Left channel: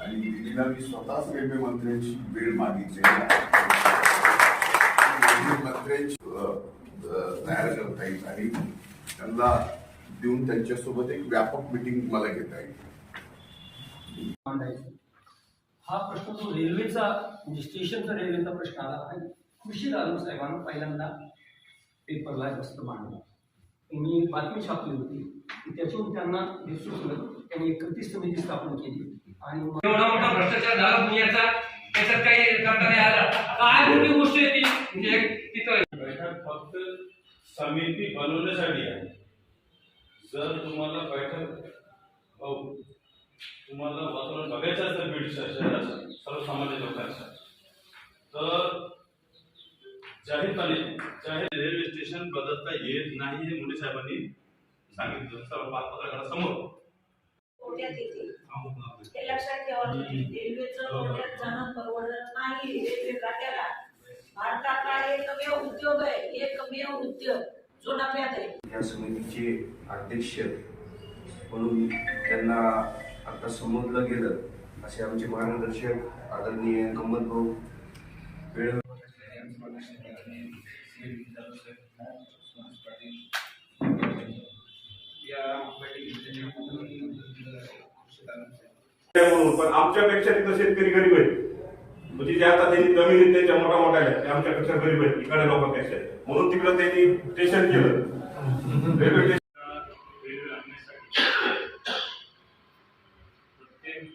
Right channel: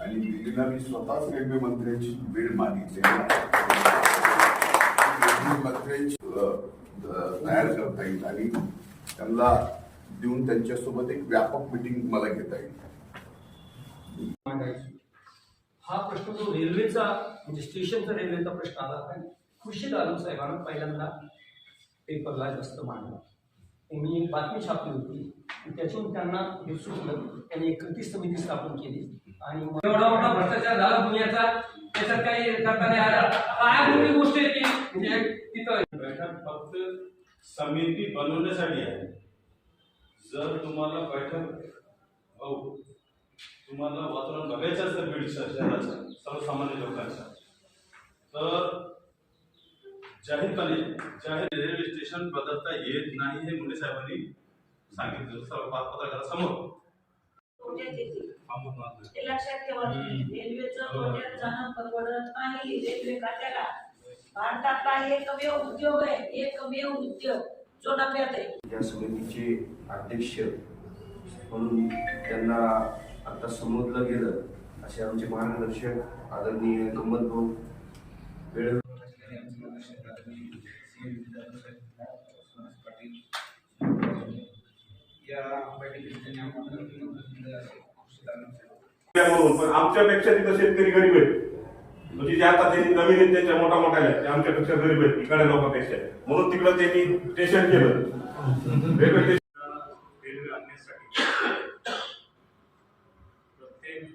आणि दिल्लीला मी स्वतःच रेल्वे मंत्र्यांची वेळ मागितली. रेल्वे मंत्र्यांची तयार करता येईल आणि त्यांना देऊन त्यांच्यासोबत एक व्यापक मिटिंग मला घेता येईल. हा प्रश्न जो रेल्वेचा म्हणजे स्टेशनचा रेल्वेचा प्रश्न आला. आणि कृषी दारू साहेबांना पहिल्यांदा पेपरला जास्त मांडला त्यांनी एक बातमी छापली होती. आणि त्याच्यावरून त्यांना हे सुचलं. त्यांनी एक कृती समिती स्थापन केली. आणि एवढा मोठा भ्रष्टाचार झाला दुनियाचा त्याच्यात काही करता नाही आला. काय मोठी गोष्ट आहे ती. म्हणजे तिथं बैठक फक्त समिती बनवण्यासाठी आहे. जर तुम्हाला बैठक हो तुम्हाला वातावरण बघायचं असेल बीड शहराचं सर्वसामान्य लोकांचं तर जाहीरपणे जाहीर रेल्वे स्टेशन बदलता येत नाही हे मुंडे साहेबांनी सांगितलं. सर्व पत्रकारासमोर ते लक्षात ठेवा. रेल्वेचं. तोट्यात जाणं परवडत नाही रेल्वे खात्याला भारतातला एकमेव उद्योग आहे. एकमेव उद्योग. जो नफ्यात आहे. समितीचे अध्यक्ष म्हणून त्यांना आता समजलं गेलं असे आमचे मार्गदर्शक आदरणीय गंमत भाऊ वेळ आमच्यापेक्षा तिथं शेतकरी गरीब आहेत. म्हणजे ज्या आता त्यांनी जमीन आहेत त्यांच्या मोठ्या मोठ्या आहेत आमच्यापेक्षा गरीब आहेत इकडे लोकांपेक्षा म्हणून तिकडे त्यांनी स्टेशन केलं. रेल्वे प्रत्येक